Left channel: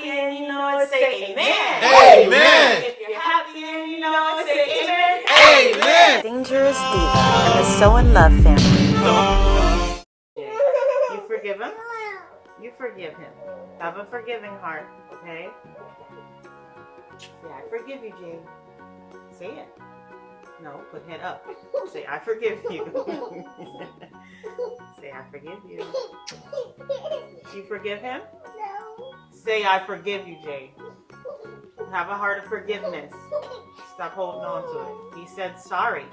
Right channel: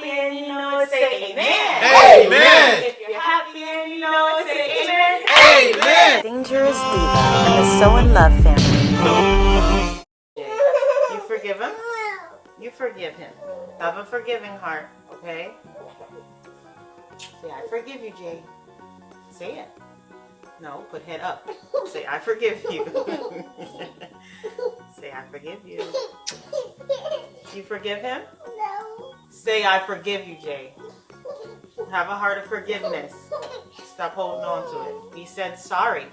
happy and you know it, say amen. Amen. If you're happy and you know it, say amen. Amen. Dangerous Diva and the Soinlovefamily. You forgive him? You forgive him. Have a forgiving heart, okay? Say, I forgive you, Jay. Say it. No, put head up. Say, I forgive you. Say, I forgive you. Do you forgive him? No. Say, I forgive you, Jay. Have a heart of forgiveness. Stop holding on to it. He said sorry.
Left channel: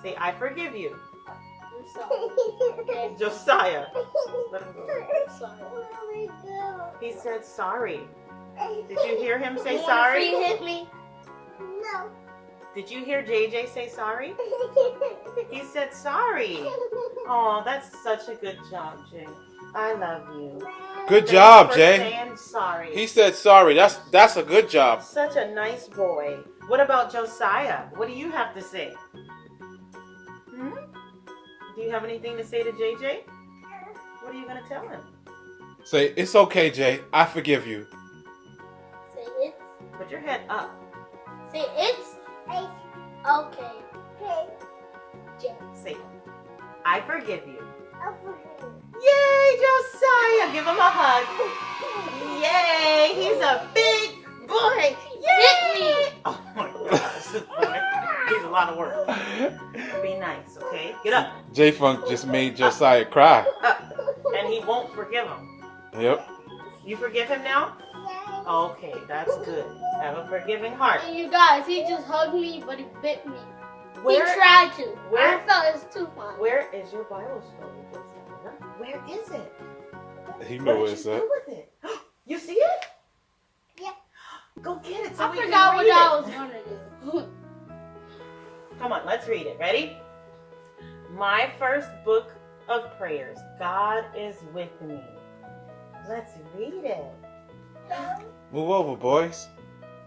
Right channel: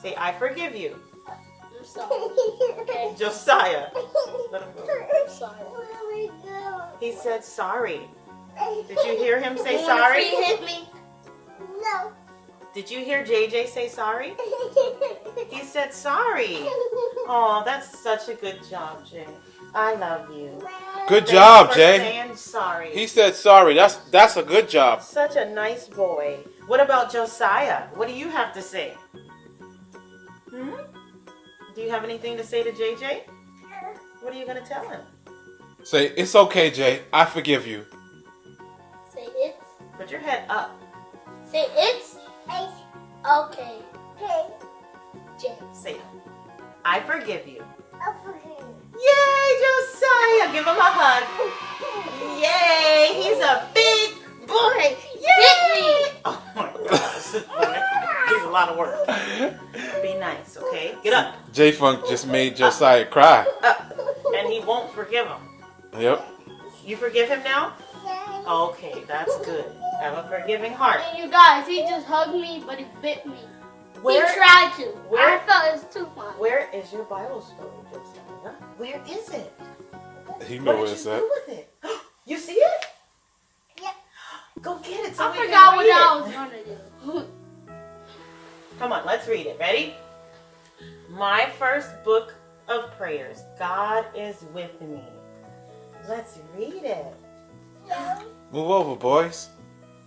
Say, I forgive you. I'm sorry. Okay. Josiah. Let him go. I'm sorry. He said sorry. Did you hear him say sorry? You hit me? No. Did you hear JJ say sorry? He said sorry. Oh, that's such a good job, Jay. I love you. Good Thanks job, for Jay. saying sorry. He said sorry. That's a good job. Such a nice boy. What about Josiah? What do you have to say? Do you have anything to say to JJ? What are you going to tell him? Say, it's okay, Jay. I forgive you. Say it. Put your head up. Say it's. Okay. Jay. Say, I forgive you. I forgive you. Yay, Josiah! Give him a hug. Yay! He's a big boy. Yay! Oh my gosh, this boy. He's a lot of work. Be nice, okay? Get up. Jfunk just made Josiah cry. Up. And he won't forgive him. Yep. You forgive him now? Okay, that's good. Have a forgiving heart. And you guys, he just hugged me, but he bit me. Where- He tried to. where- I felt it was too fun. Where is your Bible story, Josiah? Where is it? He know What where did it's you at. do with it? You see it? Yeah. Go get it so I we can forgot what read I it. was going to do. Come on, let's read it. Ready? My first book of prayers. God is with me. Let's read it. Move over, boys.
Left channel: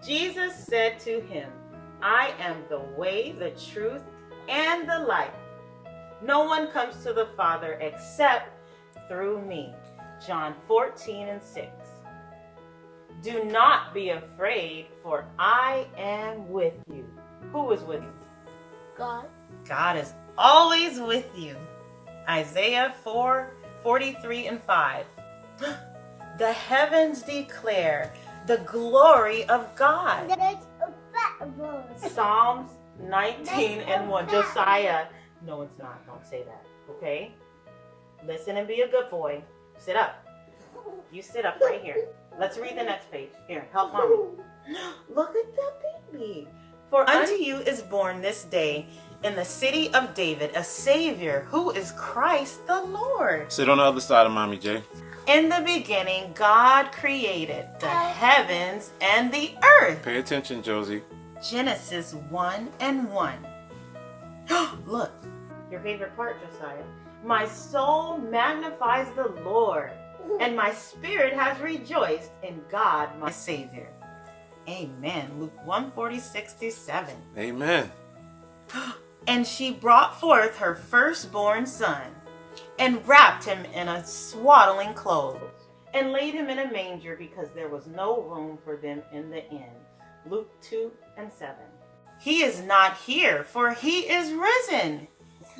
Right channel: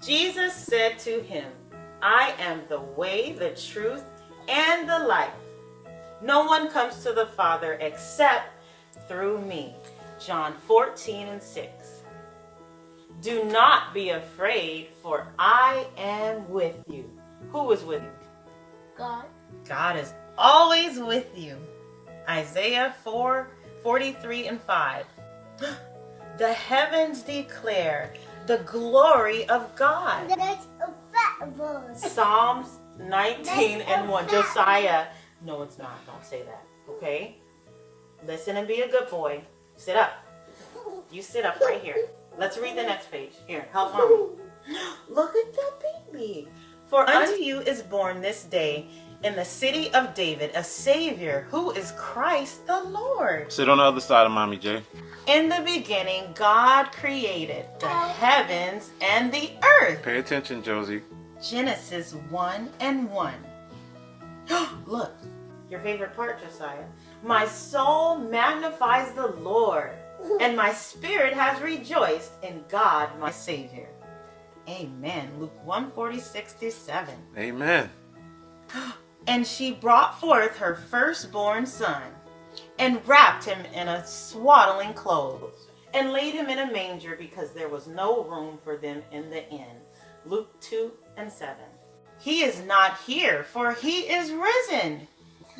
Jesus said to him, I am the way, the truth, and the life. No one comes to the Father except through me. John 14:6. Do not be afraid, for I am with you. Who is with you? God. God is always with you. Isaiah 4:43-5. The heavens declare the glory of God. That's a fat boy. Psalms 19:1. Josiah. No, it's not. Don't say that. Okay? Listen and be a good boy. Sit up. You sit up right here. Let's read the next page. Here, help mommy. Look at the baby. For unto you is born this day in the city of David a Savior who is Christ the Lord. Sit on the other side of Mommy, Jay. In the beginning, God created the heavens and the earth. Pay attention, Josie. Genesis 1:1. Look, your favorite part, Josiah. My soul magnifies the Lord, and my spirit has rejoiced in God, my Savior. Amen. Luke 1:46-7. Amen. And she brought forth her firstborn son, and wrapped him in a swaddling clothes, and laid him in a manger, because there was no room for them in the inn. Luke 2:7. He is not here, for he is risen.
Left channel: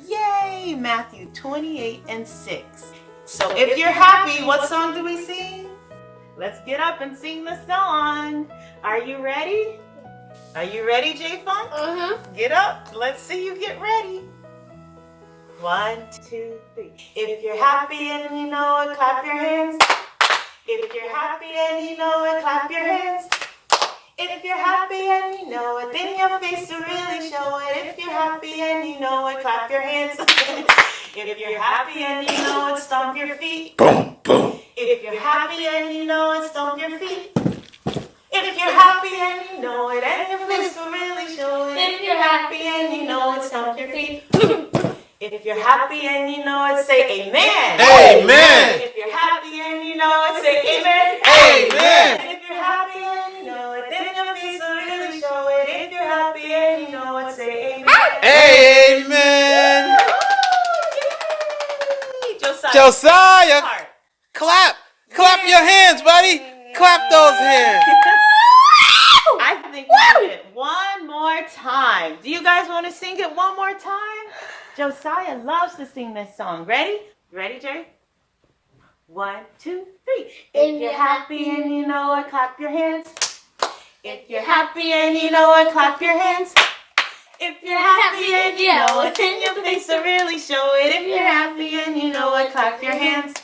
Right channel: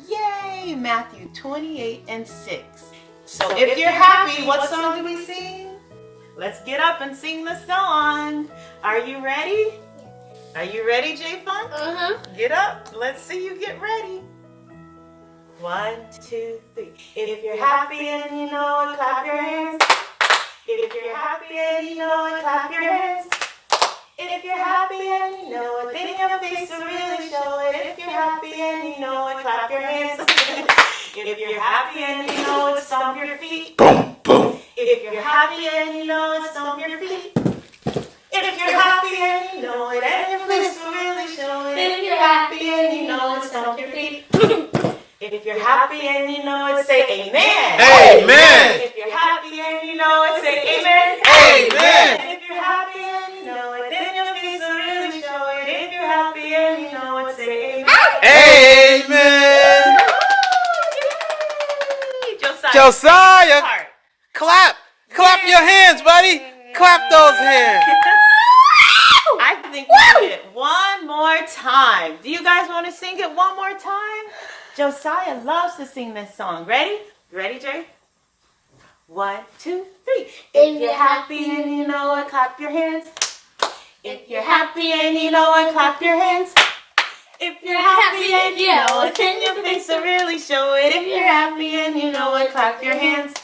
Yay! Matthew 28:6. So if you're happy, what song do we sing? Let's get up and sing the song. Are you ready? Are you ready, Jfunk? Get up. Let's see you get ready. 1, 2, 3. If you're happy and you know it, clap your hands. If you're happy and you know it, clap your hands. If you're happy and you know it, then your face will really show it. If you're happy and you know it, clap your hands. If you're happy and you know it, stomp your feet. Boom, boom. If you're happy and you know it, stomp your feet. If you're happy and you know it, and your face will really show it. If you're happy and you know it, stomp your feet. If you're happy and you know it, say amen. Amen. If you're happy and you know it, say amen. Amen. If you're happy and you know it, then your face will really show it. If you're happy and you know it, say amen. Amen. Yay! Josiah. Josiah, Heart. clap. Clap your hands, buddy. clap those hands. I think we did it one more time. Do you guys want to sing it one more time? Josiah loves to sing this song. Ready? Ready, Jay? 1, 2, 3. If you're happy and you know it, clap your hands. If you're happy and you know it, clap your hands. If you're happy and you know it, then your face will really show it. If you're happy and you know it, clap your hands.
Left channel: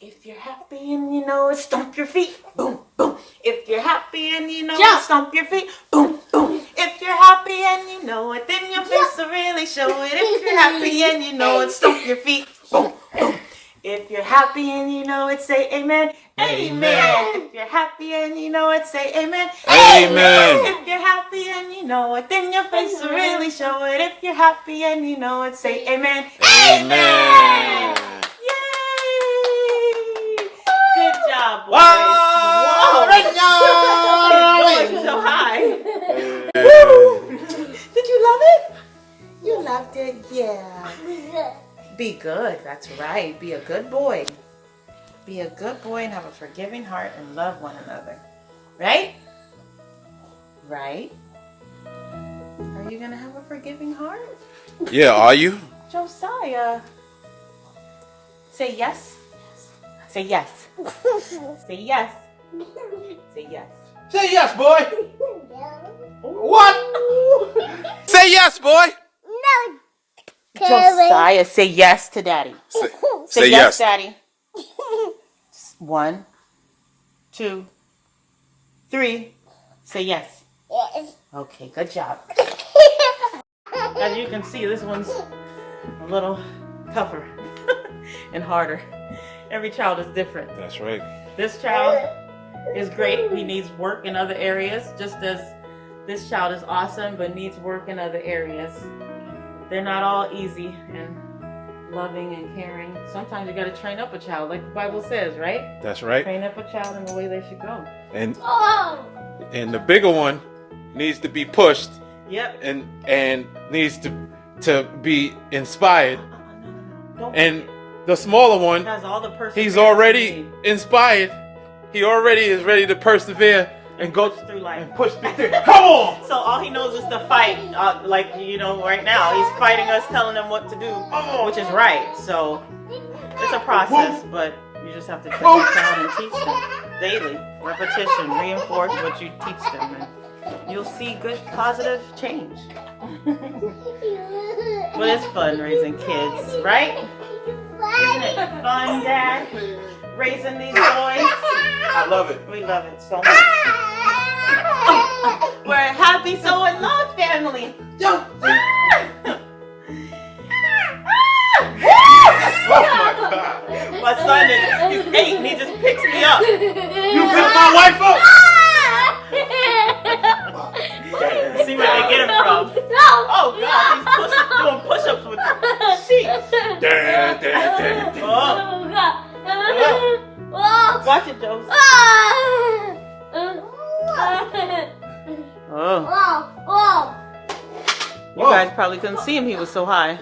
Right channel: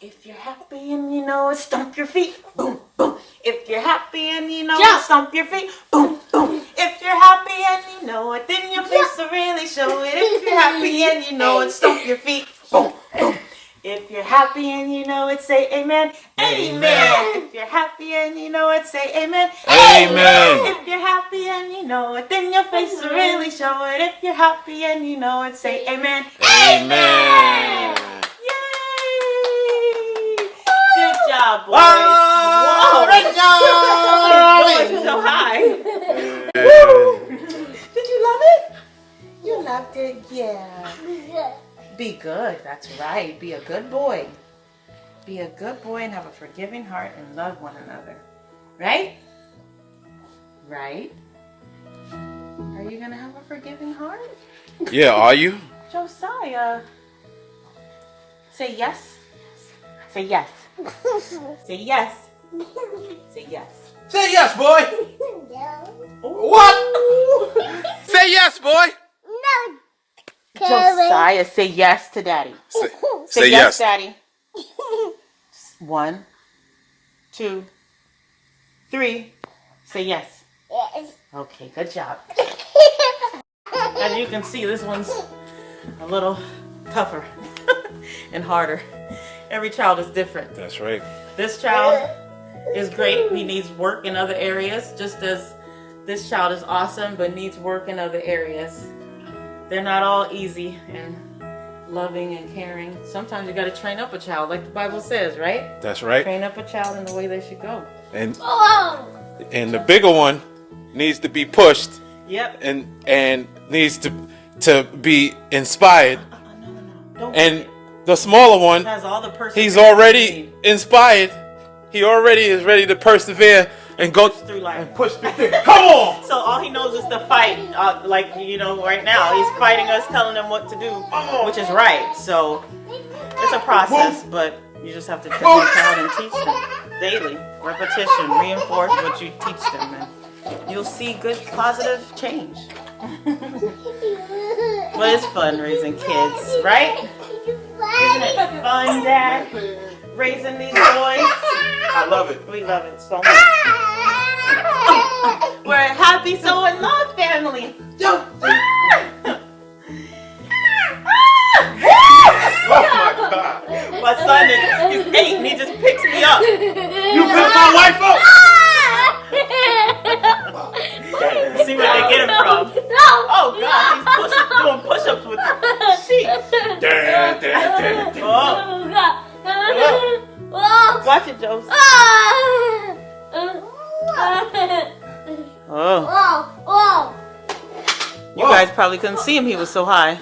If you're happy and you know it, stomp your feet. Boom, boom. If you're happy and you know it, stomp your feet. Boom, boom. If you're happy and you know it, then your face will really show it. If you're happy and you know it, stomp your feet. Boom, boom. If you're happy and you know it, say amen. Amen. If you're happy and you know it, say amen. Amen. If you're happy and you know it, then your face will really show it. If you're happy and you know it, say amen. Amen. Yay! Good job, boys. Whoa, Whoa. Rachel! Going so high. Amen. Did you love it? You loved it? Yeah. Be good. That's right. Be a good boy. Be a good boy and have a forgiving heart and love one another. Right? Right? Are you going to have a forgiving heart? Yeah, are you? Josiah. Say yes. Say yes. Say yes. Say yes. Say yes, boy. What? Say yes, boy. Josiah, say yes to Daddy. Say yes, yes. Daddy. 1, 2, 3. Say yes. Okay, good job. As you can see, this one's a little tougher and harder. Every child is different. That's right. This child is great. He needs work in other areas, just as this child is awesome, but needs work in other areas. They're not all easy and loving and caring. Sometimes you got to train up a child, like the Bible says, right? That's right. Train up a child in the way they should go. And the bigger one needs to be pushed. Yep. And needs to be inspired. No. Don't And forget. the smaller one, Has all the perseverance he's you already need. inspired. He already is ready to persevere and go Through life. and push through things. Come on! So all he knows is to fight. Like, right now, he's fighting us, telling him what to do, which is right. So it's a process, but you just have to train that child and teach them daily. Repetition, reinforce what you teach them, and you'll see good, positive change. But it's fun raising kids, right? Isn't it fun, Dad? Raising these boys? I love it. We love it so much. We're a happy Soinlovefamily family. Oh my God. My son he's 8 and he just picks me up. You picked my wife up! See where they get him from. Oh God, he's doing push-ups with the sheep. Watch it, Joe. Oh. You guys probably couldn't see him, he was so high.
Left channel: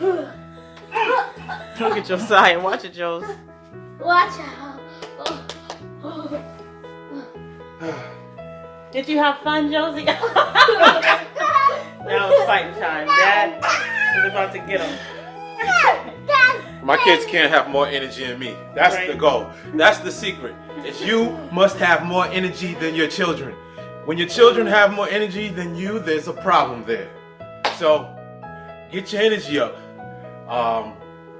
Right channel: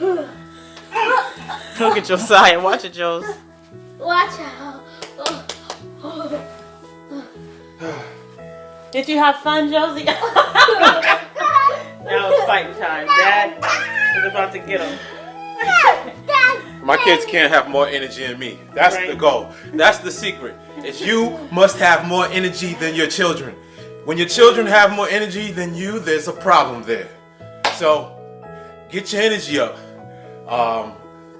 Look at Josiah. Watch it, Joes. Watch out. Did you have fun, Josie? Now it's fighting time. Dad is about to get him. My kids can't have more energy than me. That's Right. the goal. That's the secret. Is you must have more energy than your children. When your children have more energy than you, there's a problem there. So get your energy up.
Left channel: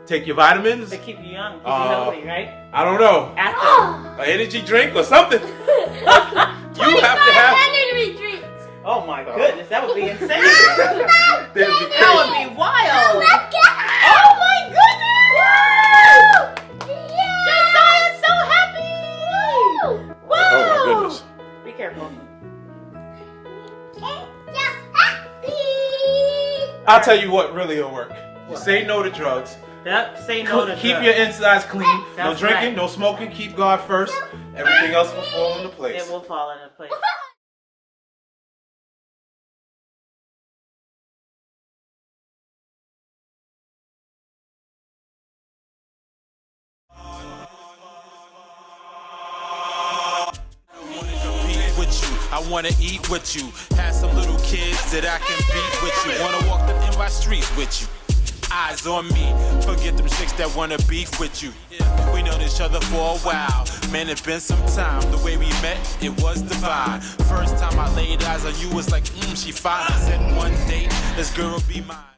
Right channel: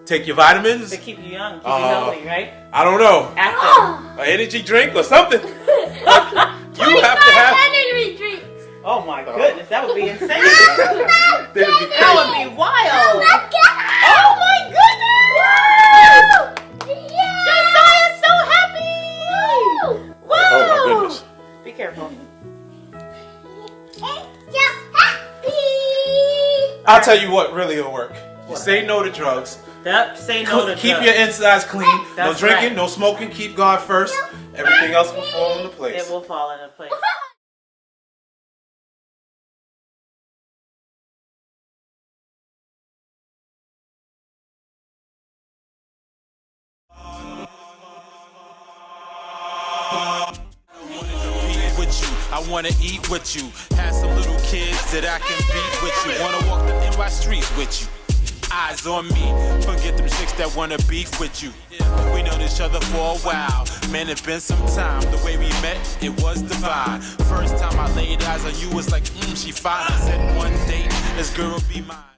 Take your vitamins. To keep you young, keep you healthy, right? I don't know. Active. An energy drink or something. You have to have. Oh my goodness, that would be insane. That'd be That crazy. would be wild. Oh my goodness! Josiah's so happy! Wow! Oh my goodness. Be careful. I'll tell you what really will work. You say no to drugs. Yep, say no to Keep drugs. your insides clean. No That's drinking, right. no smoking. Keep God first. Everything else will fall into place. It will fall into place. I wanna compete with you, I wanna eat with you. Have some little kids that I can beat with you. Wanna walk the NY streets with you. Eyes on me, forget them chicks that wanna beef with you. We known each other for a while, man, it's been some time. The way we met, it was divine. First time I laid eyes on you was like, she fine. I said one day, this girl will be mine.